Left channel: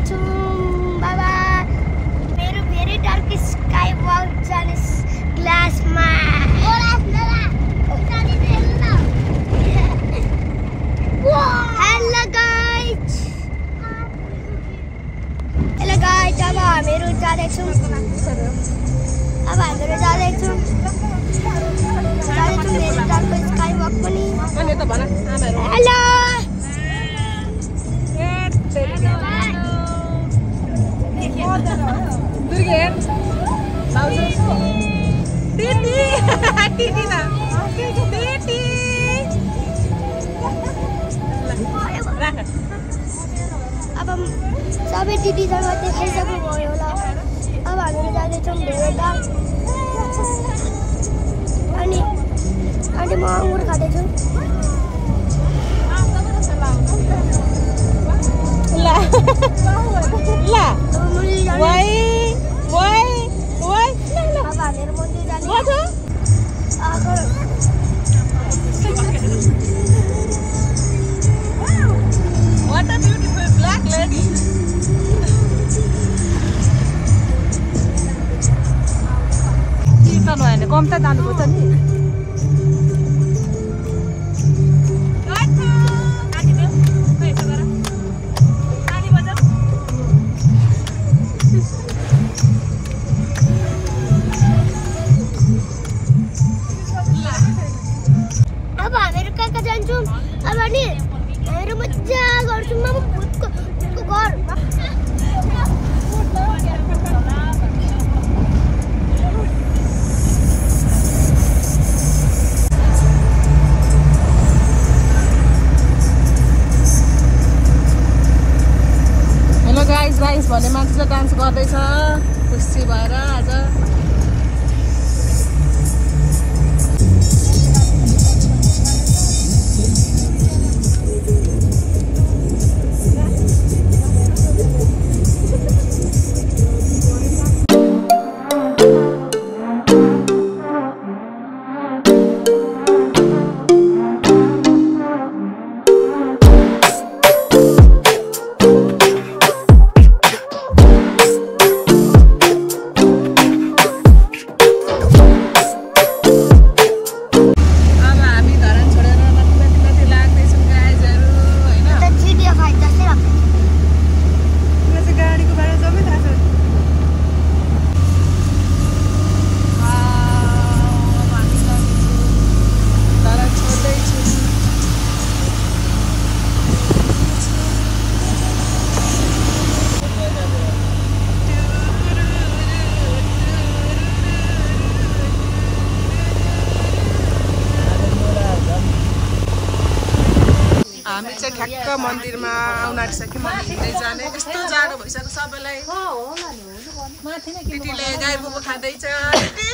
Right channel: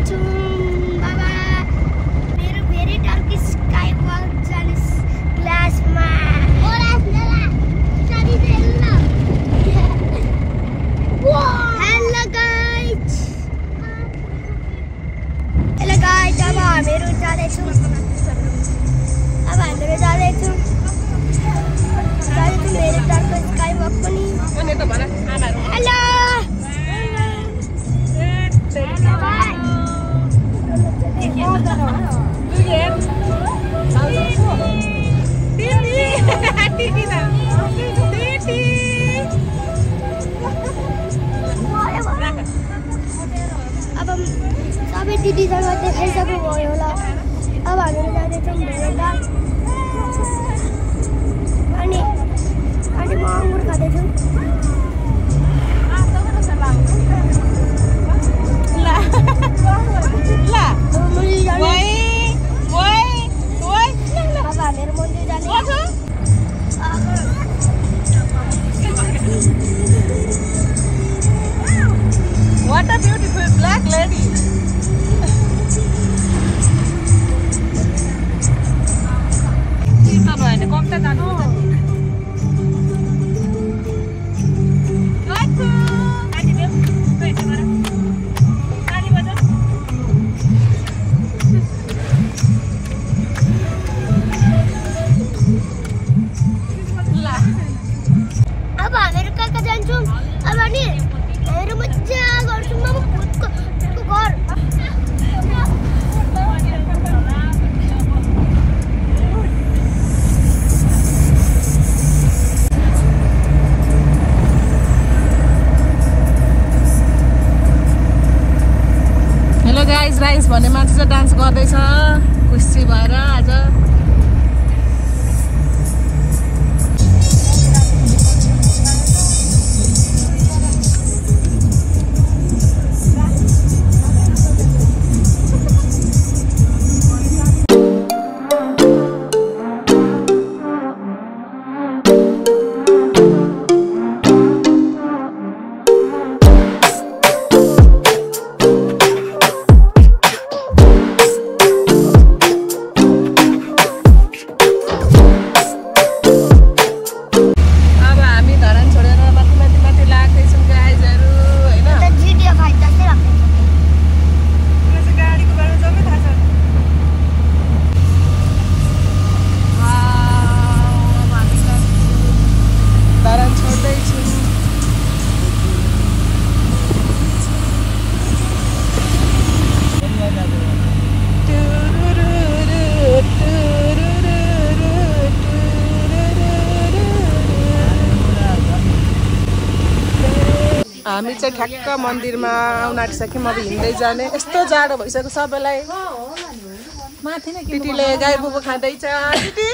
जाँदैछौँ बाबा मेरो भेरी डार्क स्काई वक जाने क्लासमा। हेलो गाइस, अब हामीहरू जाँदैछौँ भेरी डार्क स्काई वक पनि। हेलो अब सबै दिदीसँग देखाइसक्नुभयो होला। अब हामीहरू जाँदैछौँ भेरी डार्क। अनि म अङ्गुर खाँदैछु। अब हामीहरू मन्दिर जाने। कम्ता जानुपर्छ नि। अब हामीहरू कहाँ जान्छौँ? अब नि हामीहरू मजा गर्छौँ। अब भूतको घर। हामी चाहिँ ठ्याक्क मन्दिरमा आउन आँटिसक्यौँ। अब हिँड्दै जाने। यस्तो जाडो भइसक्यो सबैलाई। दिदीले गाई बुबु खाँदैछ। दिदी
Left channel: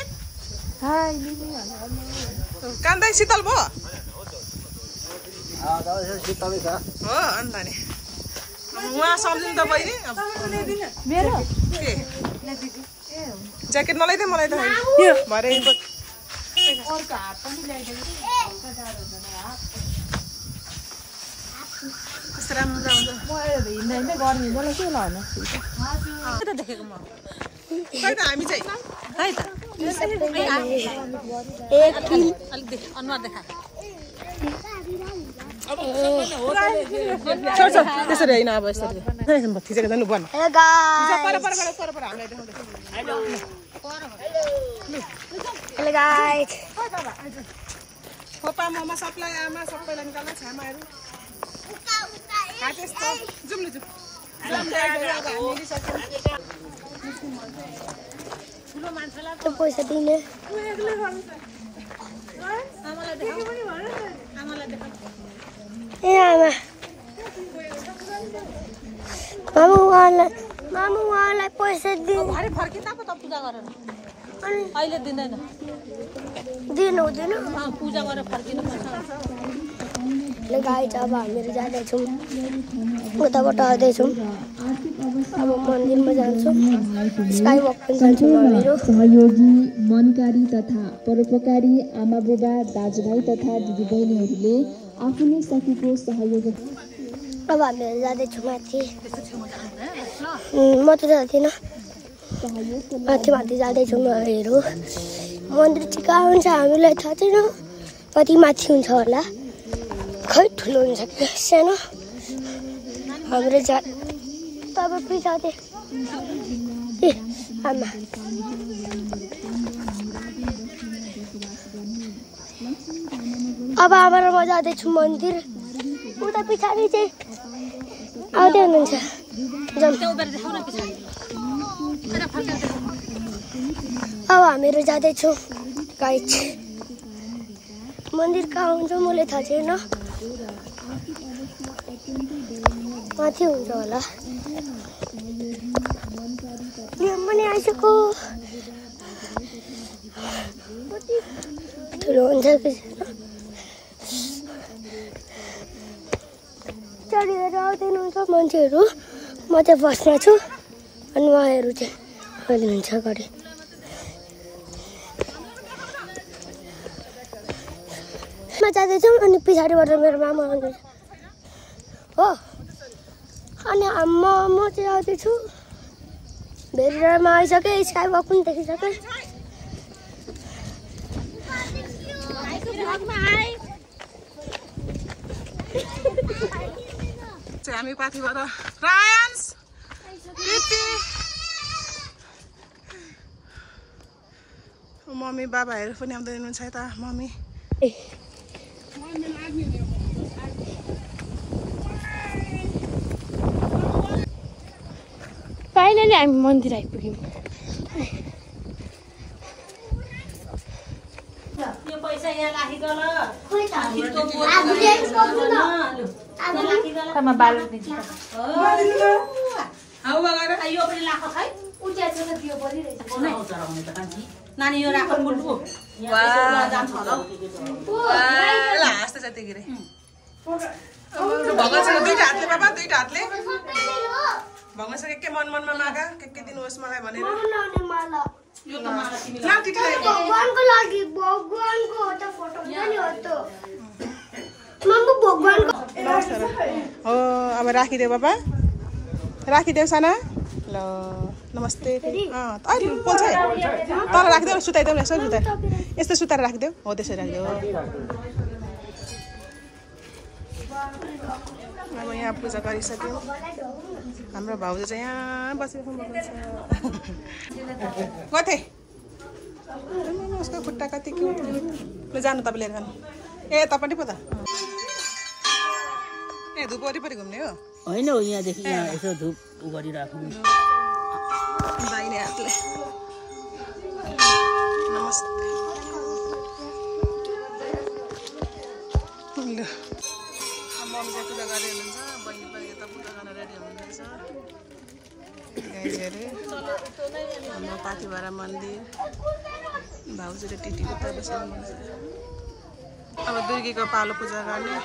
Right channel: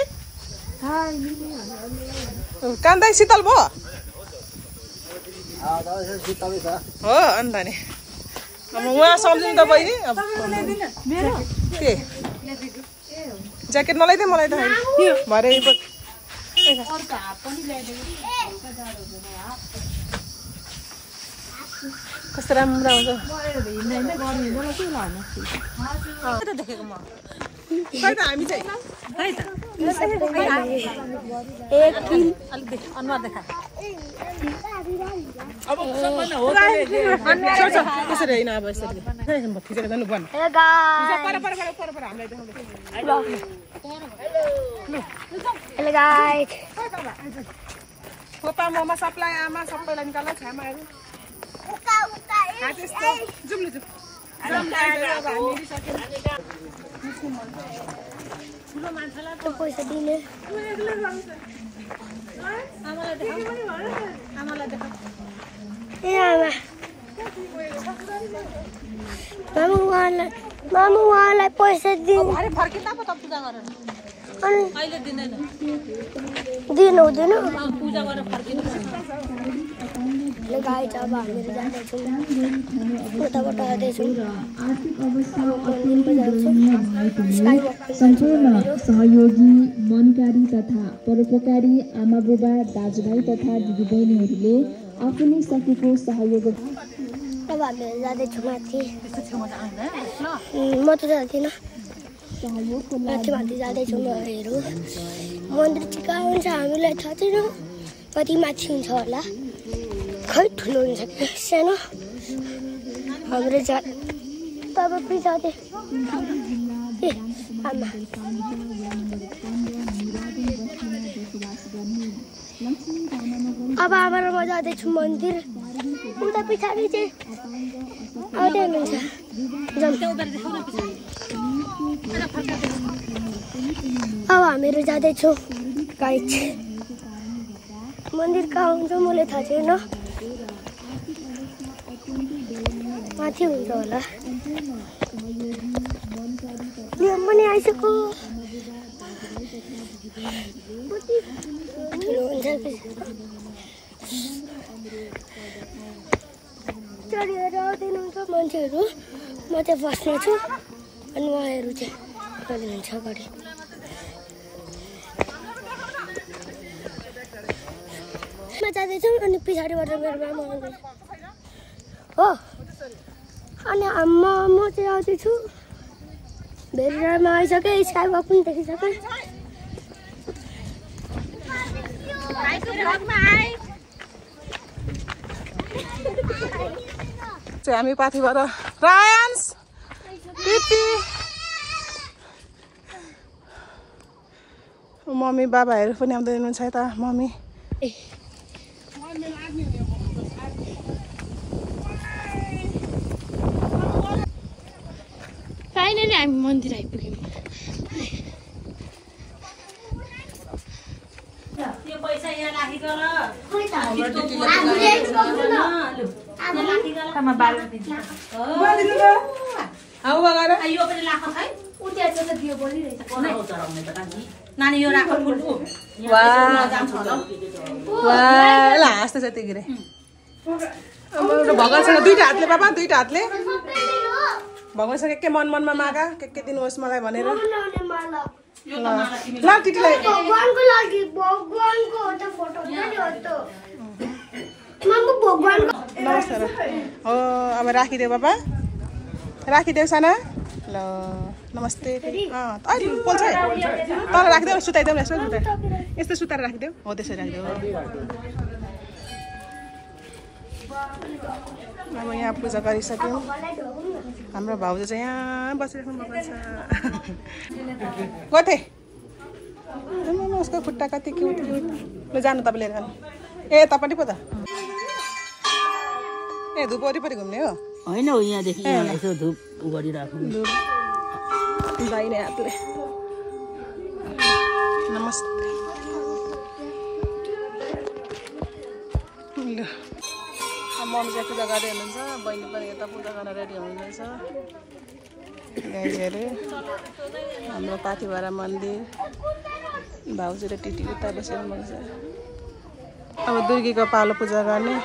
कान्दै शीतल भयो हो अन्त नि। अब उहाँ सम्झिनु त बहिनी। अब के ज्याकेट नलाइदिए मलाई त भरे कस्तो राम्रो आउँछ देखेको म। हामी चाहिँ अलिक अनुहार देखा। त्यसरी होइन अब यसरी थिचेको जानु बन्द। हेलो गाइस, पप्पा मम्मा सबलाई आमा सबैलाई निकाल्ला छामाहरू। जाउँ न ठुलो मान्छेलाई पैसा दिने। ए मामु उहाँलाई पैसा दिनु। फर्किँदा पो त पूजा गरेर अहिले दिँदैन। दिनु हुँदैन। पूजा गरेर फर्किनु ल गाइस, अब हामीहरू जाँदैछौँ। उताबाट आउँदैछौँ। अब मन्दिरमा जान्छौँ। स्काई वक पनि जान्छौँ हामीहरू। सहयोगी मनकारी तथा परोपकारी आमा बुबा दाजुभाइ तथा दिदीबहिनीहरूले आफूले सकेको सहयोग अब हामीहरू जाँदैछौँ माथि। म त जाँदिनँ, माथि माथि जाँदैछौँ हामीहरू। मन्दिर चाहिँ कहाँ हुन्छ हामीलाई थाहा छैन, कति माथि हुन्छ होला, खै ठुलो हुन्छ कि सानो। हाम्रो तब पछाडि आमा अब आमा र म जाँदैछु मन्दिर। उता पछाडि चाहिँ आउँदै हुनुहुन्छ। अब हामीहरू जाँदैछौँ गाइड। मन्दिर कहाँ हुन्छ मलाई थाहा छैन, माथि हुन्छ होला। नियम पनि आइसक्यो, ठुलो हुन्छ चढेर आउँदैन हुन्छ मान्छेहरू। म चाहिँ बस्ने छु अनि उहाँहरू चाहिँ कहिले हुन्छ अगाडि। म जाँदैछु अनि पछाडिबाट मेरो मामा आउँदैछ हो। अनि म चाहिँ आउँदैछु, भेरीमा आइसकेँ, स्काई वक पनि देखिसकेँ। हामी पाथिबाट रायन्स टिटी मम्मी बाबाहरू पनि आउँदै हुनुहुन्छ यता। मम्मी फाइनली हामी मन्दिर आइपुग्यौँ। नानी यो राख फुलको हाँस्दै छ त्यतिखेर भगवानसँग दुईटा हातले बाबा, दुईटा हातले भगवानसँग के मन मनमा मागा के दिनुहोस् मलाई भनेर। ल टिटीलाई भगवानको लागि भगवानको त्यो फोटो पनि हो त मम्मी भगवानको। नमस्कार हो, अब राखिदेऊ बाबा, राखिदेऊ साना। ल नमस्ते। अहिले पोल्छ तल राखिदेऊ, सुताइदेऊ न यसो, यस्तो सुताएर राखिदेऊ। हो त्यसरी राखिदेऊ। अब यहाँ पूजा गरिसक्यौँ। हाम्रो भाउजू चाहिँ यहाँ बसिराख्नु भएको छ। कतै उसको खुट्टा कति क्युट क्युट। ल जानु तपाईँ लिएर जानु। ए तपाईँ पो त ए धुप वरिपरि घुम्ने हो होइन हो, यहाँदेखि यहाँ यसो धुप गरिराख्नु। दाहिने हातले नमस्ते। मम्मी चाहिँ पूजा गर्दै हुनुहुन्छ, बहिनी पनि यता पूजा गर्न रेडी हुनुहुँदैछ। गाईहरू हाम्रो पाथिभारा मन्दिर, भाउजू र टिटी उता बसेर मन्दिर। अब दुर्गीको पालो पूजा गर्ने,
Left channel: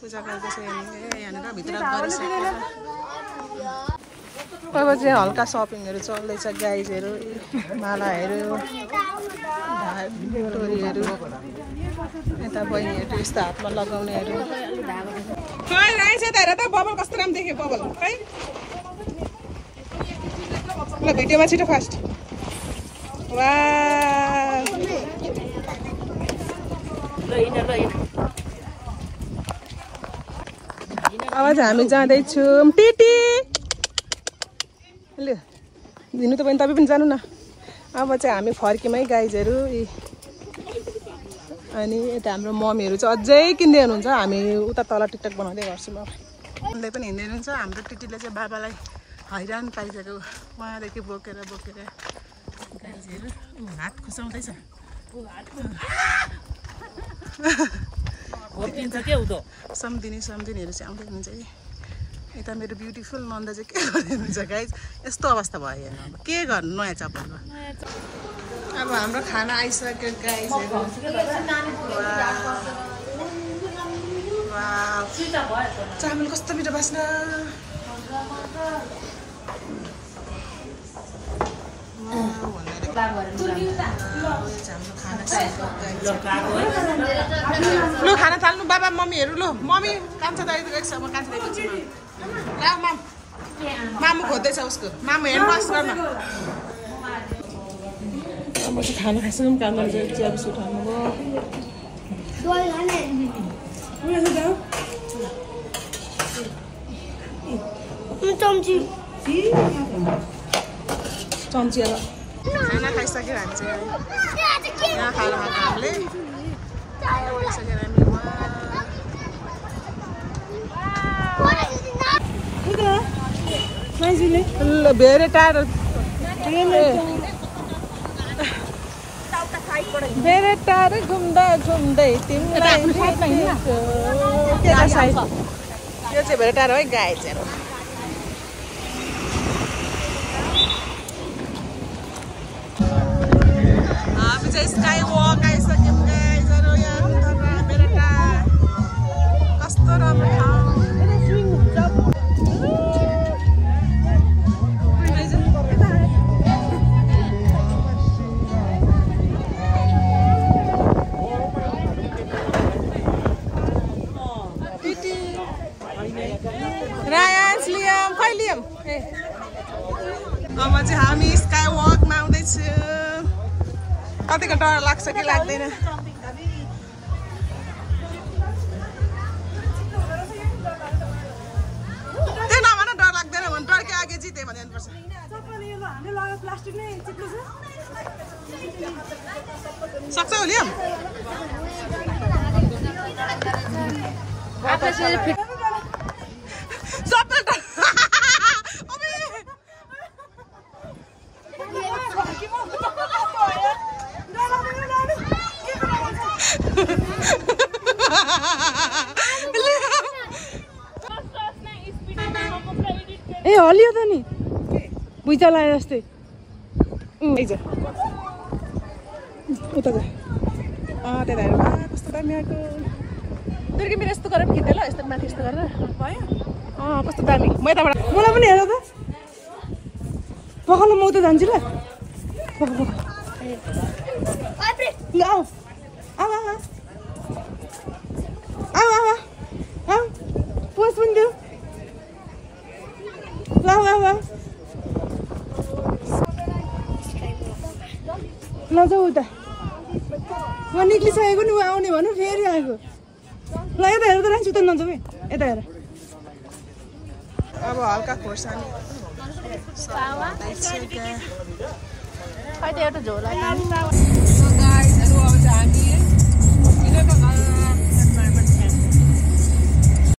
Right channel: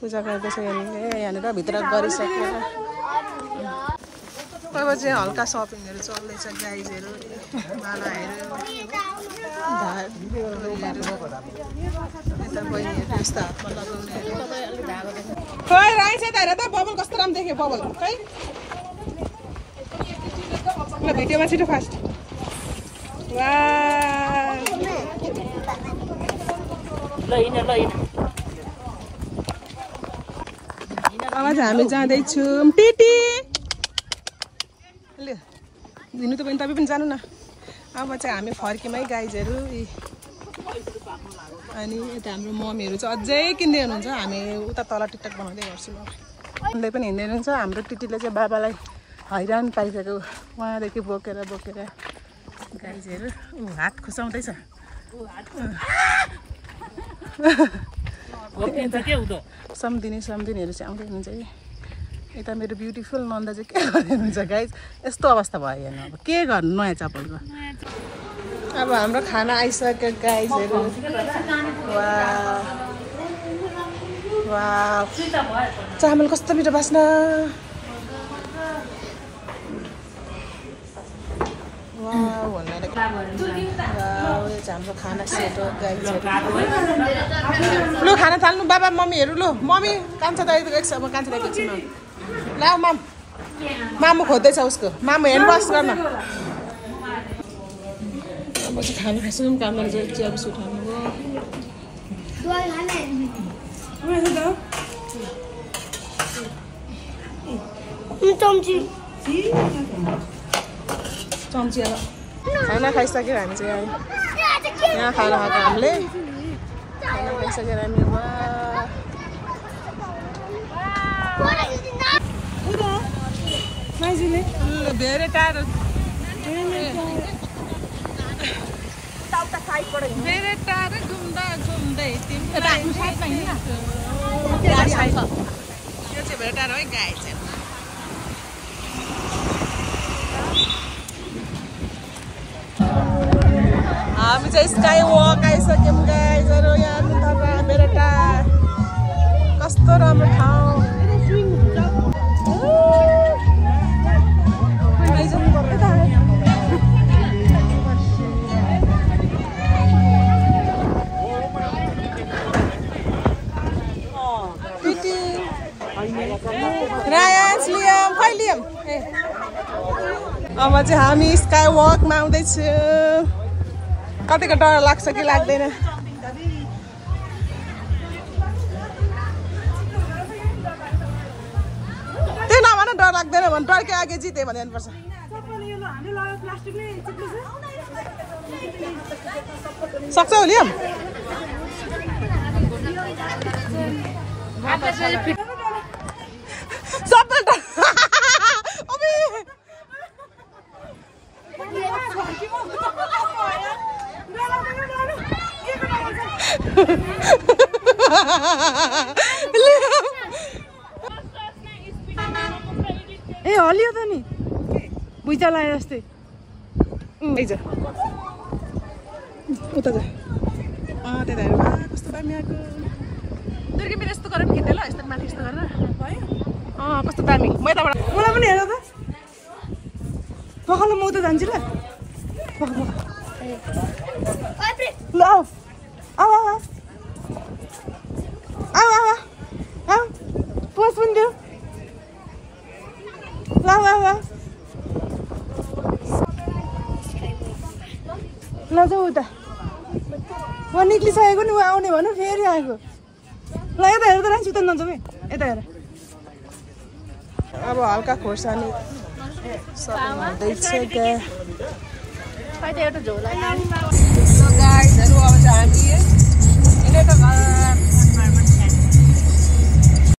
पूजा गर्दैछ यहाँनिर। यहाँनिर भित्र गरिसकेर अब चाहिँ हल्का सपिङहरू चल्दैछ। गाइजहरू, मालाहरू, टोरीहरू, यता बहिनीहरू यस्तो हातमा लगाउनेहरू। खै आइस त हेर त बबल कस्तो राम्रो देख्यो बबल खै। ल भिडियोमा छिटो फास्ट। वा अब हामी जाँदैछौँ टिटी। ल दिनु त बहिनी तपाईँ पनि जानु न। अब चाहिँ हामी फर्क्यौँ है गाइजहरू। अनि यता हाम्रो मम्मीहरू चाहिँ अझै किन्दै हुनुहुन्छ, हामी उता तल टिकटक बनाउँदै गर्छु। ल उनले पनि हिँड्दै हुनुहुन्छ। हाम्रो टिटीले चाहिँ बाबालाई हैरान पाइसक्यो, उहाँदेखि बोकेर बोकेर। गाइजहरू हात खुसाउँदैछ। सम्धिनीहरू चाहिँ आउँदै हुनुहुन्छ है। यता मेरो ब्युटिफुल नन्दा चाहिँ के गर्दै हुनुहुन्छ गाइज। यस्तो अवस्था भयो हेर्नु, अब के गर्नु नयाँ चप्पलको। अब हाम्रो खाना आइसक्यो गाइजहरू। वाह चामल कस्तो मिठो बास्ना। वाउ भन्नाले वाउ यो चाहिँ हाम्रो खाना सेट हो गाइस लु खाना थाल्नु बाबा मम्मीहरु लु मम्मी कान्छा दाइको एकछिन म कान्छा दाइको छु न ल मामु खोज्दैछ उसको मामु हेर्न बस्छ न म चाहिँ खाना खाइसु काम गर्छु चिया बिस्कुट खानु भयो चम्ची खाना खाइसक्यो हामी चाहिँ यहाँ खाना खाएको हामीले खाना खाइसकेर हामी धेरै टाढो धेरै टाढो घुम्दा घुम्दै तिमीलाई यो चाहिँ धेरै टाढो है गाई चाहिँ हामी चाहिँ स्काई वक आइसक्यौँ गाइजहरू यहाँ नुथापा बेरेटा कस्तो राम्रो ठाउँ अब चाहिँ हामी स्काई वकमा आउँदैछौँ कतिको डर लाग्छ कि लाग्दैन त्यो नभन डर लाग्दैन भने डरकै आगे जिते भने पर्छ सक्छ लियम सबै ए हलियो त नि भुइँचा लाए जस्तै उता जा त्यता हेर कस्तो दामी आएको दुर्गी मेरो यस्तो गरेर खिच्दै ल यस्तो माथि यस्तो गरेर भयो कस्तो दामी म यताबाट मलाई पनि हेर त पखाल म उता जान्छु ल ल पोस पनि दियो ल जाऊ उता म निक्लिसकेको नि ऊ आउने भनौँ फेरि आएको ल यता हेर त राख्छु त नजाऊ है यता हेर अब हल्का खोर्सानी हुँदैछ क्या गाइसहरू अब चाहिँ हामी